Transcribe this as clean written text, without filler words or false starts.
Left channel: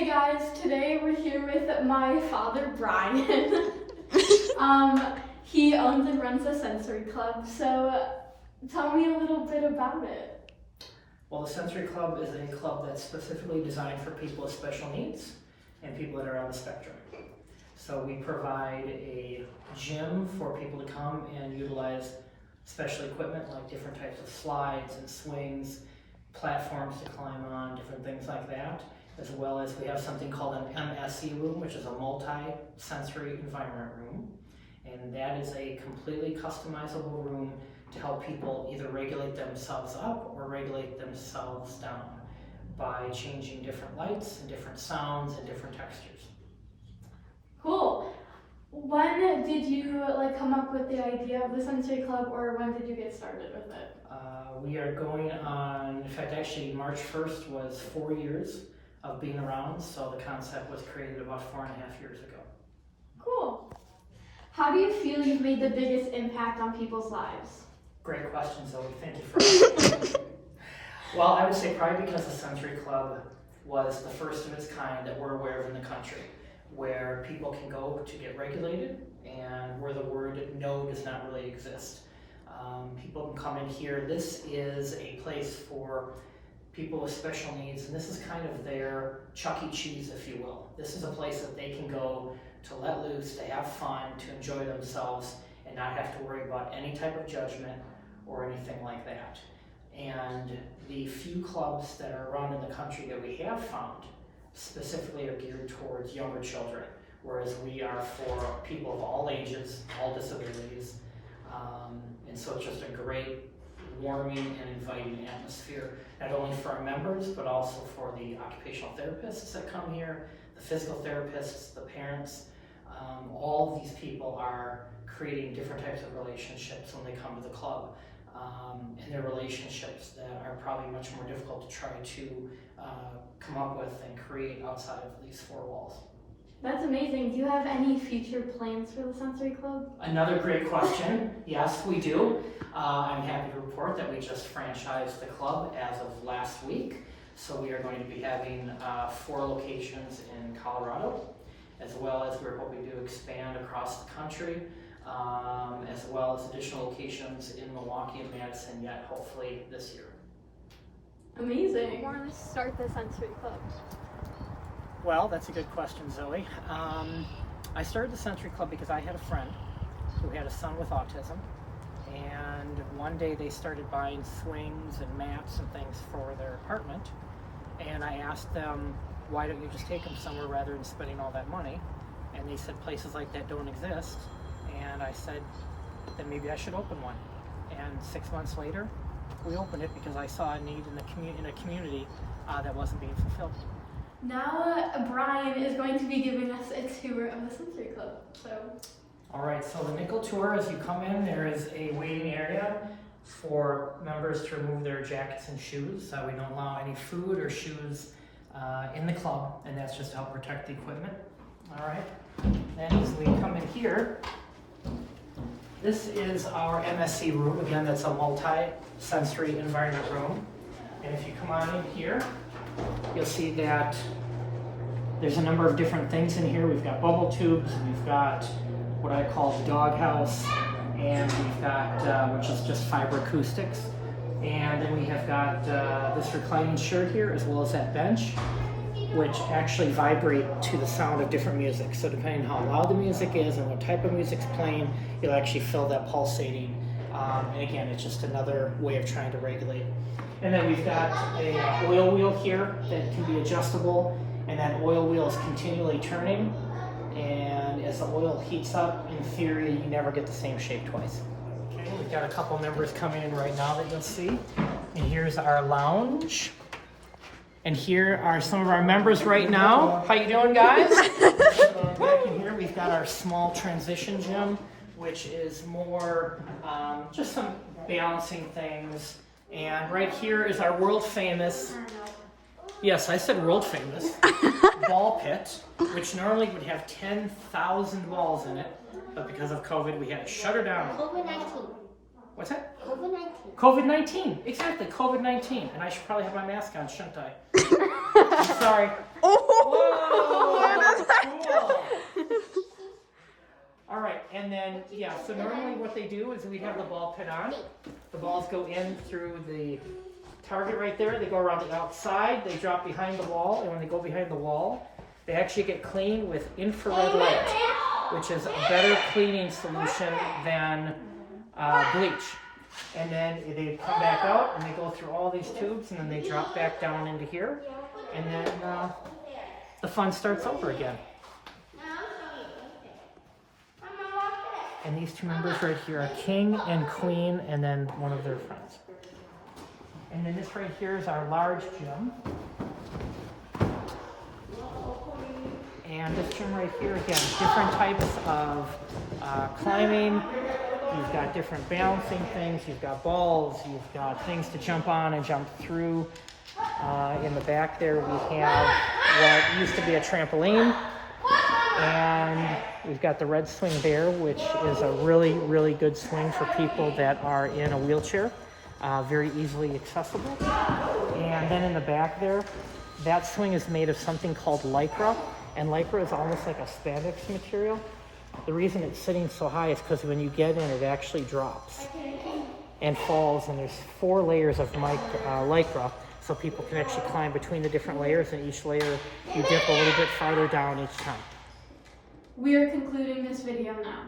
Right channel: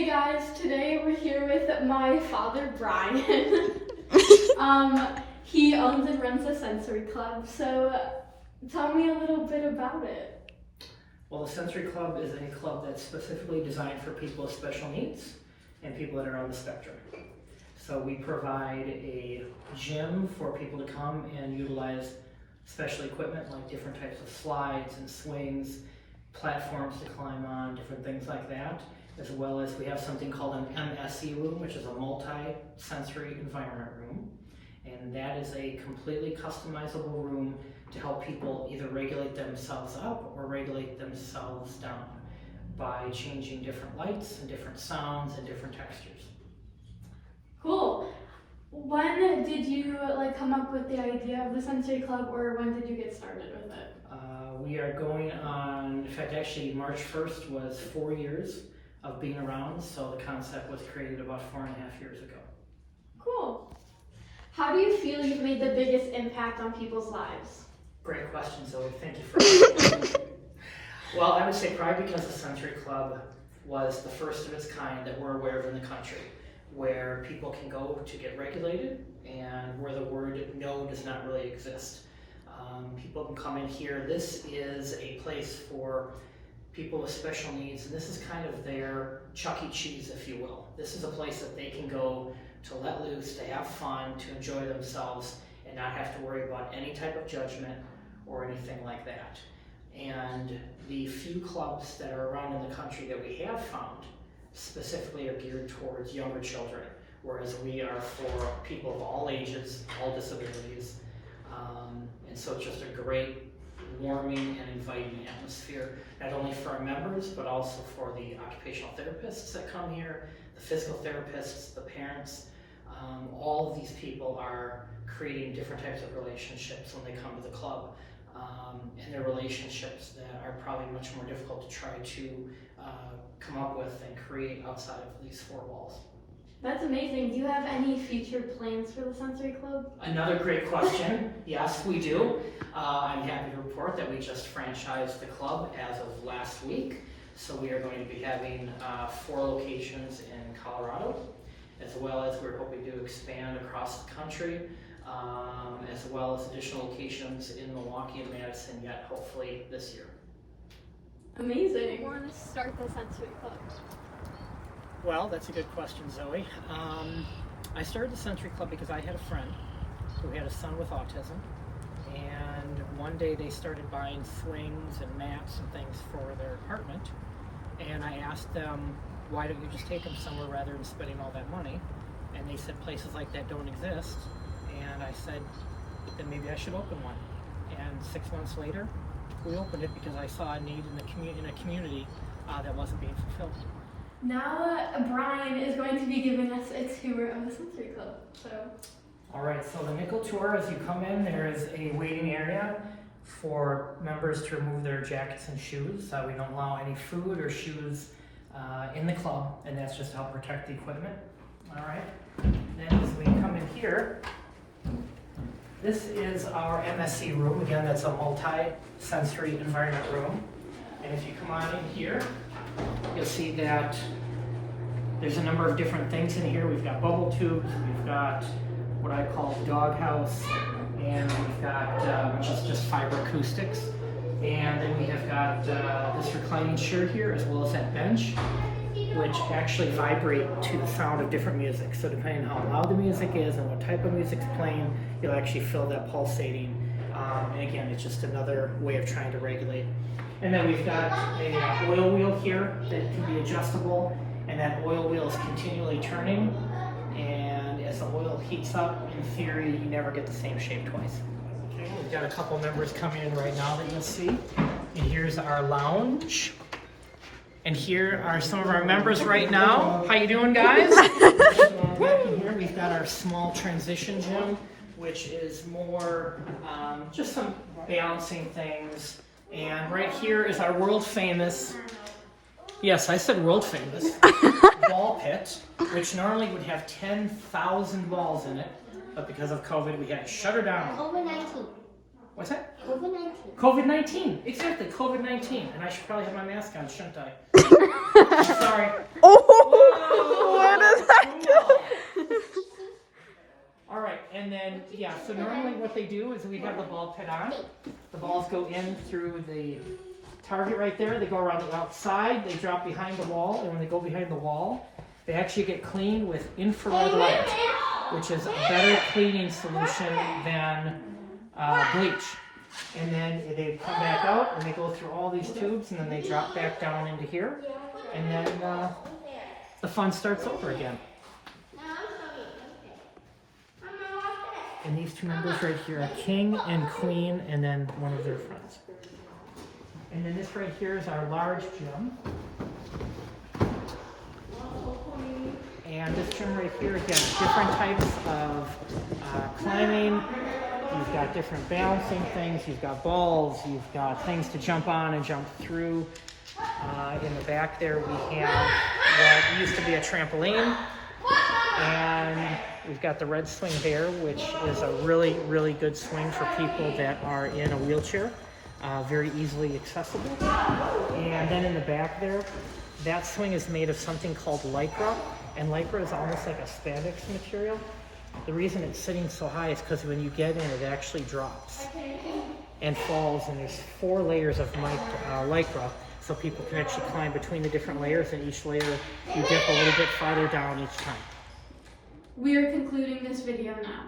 Hey guys, today we're here with my father, Brian. He owns and runs a sensory club, so tell me a little bit about it. Well, the Sensory Club is a club that's specifically designed for people with special needs and people that are on the spectrum. So we provide a gym for people to come and utilize special equipment like different types of slides and swings, platforms to climb on, different things like that, as well as we have something called an MSE room, which is a multi-sensory environment room. And that is a completely customizable room to help people either regulate themselves up or regulate themselves down by changing different lights and different sounds and different textures. Cool. When did you come up with the idea of the sensory club, or when did you get started with it? We are going on, in fact, actually March 1st was 4 years of being around, so the concept was created about 4.5 years ago. Cool. How do you feel you've made the biggest impact on people's lives? Great question, Zoe. Thank you for asking. Well, I would say probably because the Sensory Club was the first of its kind that we're aware of in the country, where people can go to get regulated and where the word no does not really exist. People can come in here. This is a place for people with special needs, and this is kind of their Chuck E. Cheese, if you will. This is a place that they can go to let loose, to have fun, to enjoy themselves, and not have to worry about any type of judgment or anything like that. And the few clubs that are around in the country that we have found specifically are geared towards younger children, whereas we are for people of all ages, all disabilities. And so it's just a great warming and inviting atmosphere, not only for our members, but also for the occupational therapists that come here, the physical therapists, the parents. All of these people are creating different types of relationships when they come to the club. And they're relationships that are probably much more difficult to try to come up with and create outside of these four walls. That's amazing. Do you have any future plans for the sensory club? Another great question. Yes, we do. I'm happy to report that we just franchised the club as of last week. So we are going to be having 4 locations in Colorado, as well as we're hoping to expand across the country, as well as additional locations in Milwaukee and Madison yet hopefully this year. Amazing. Why want to start the sensory club? Well, that's a good question, Zoe. I started the Sensory Club because I had a friend who had a son with autism, and one day they started buying swings and mats and things for their apartment, and I asked them, why don't you just take him somewhere rather than spending all that money? And they said places like that don't exist, and I said, then maybe I should open one. And 6 months later, we opened it because I saw a need in a community that wasn't being fulfilled. Now Brian is going to be giving us a tour of the sensory club. All right, so the nickel tour, as you come in, there is a waiting area for members to remove their jackets and shoes. We don't allow any food or shoes in the club, and that's just to help protect the equipment. All right, then as we come in here, this is our MSE room. Again, that's a multi-sensory environment room. And if you come on in here, you'll see that there's a number of different things in here. We've got bubble tubes, we've got what I call the doghouse, and we've got, which is just fiber acoustics. And then we have got this reclining chair here, as well as that bench, which actually vibrate to the sound of different music. So depending on how loud the music is and what type of music's playing, you'll actually feel that pulsating. And again, it's just another way of trying to regulate. And then we've got a oil wheel here that can be adjustable, and that oil wheel is continually turning, and as the oil heats up, in theory, you never get the same shape twice. Okay, we've got a couple members coming in right now that you'll see, and here's our lounge. And here are some of our members right now. How you doing, guys? Back in here, we've got our small transition gym, which is more just some balancing things. And right here is our world famous, yes, I said world famous, ball pit, which normally would have 10,000 balls in it, but because of COVID, we had to shut her down. COVID-19. What's that? COVID-19. COVID-19, exactly, COVID-19. And I should probably have my mask on, shouldn't I? I'm sorry. Oh! Yeah, so normally what they do is we have the ball pit on. The balls go in through the target right there. They go around the outside, they drop behind the wall, and when they go behind the wall, they actually get cleaned with infrared light, which is a better cleaning solution than bleach. And then they come back out and they go through all these tubes and then they drop back down into here. And then the fun starts over again. And these two members right here are King and Queen, and then one of their friends. And then this right here is our large gym. And this gym right here, again, different types of climbing. You've got different balancing things. You've got balls. You've got things to jump on and jump through. In the back there, we have what used to be a trampoline. And we've got the red swing there, which is a really, really good swing for people that are in a wheelchair. Very easily accessible. And then in the back there, that swing is made of something called Lycra. And Lycra is almost like a spandex material. The reason it's sitting so high is because when you get in, it actually drops and falls. And there's 4 layers of Lycra, so people can actually climb between the different layers. And each layer, you dip a little bit farther down each time. We are concluding this video now.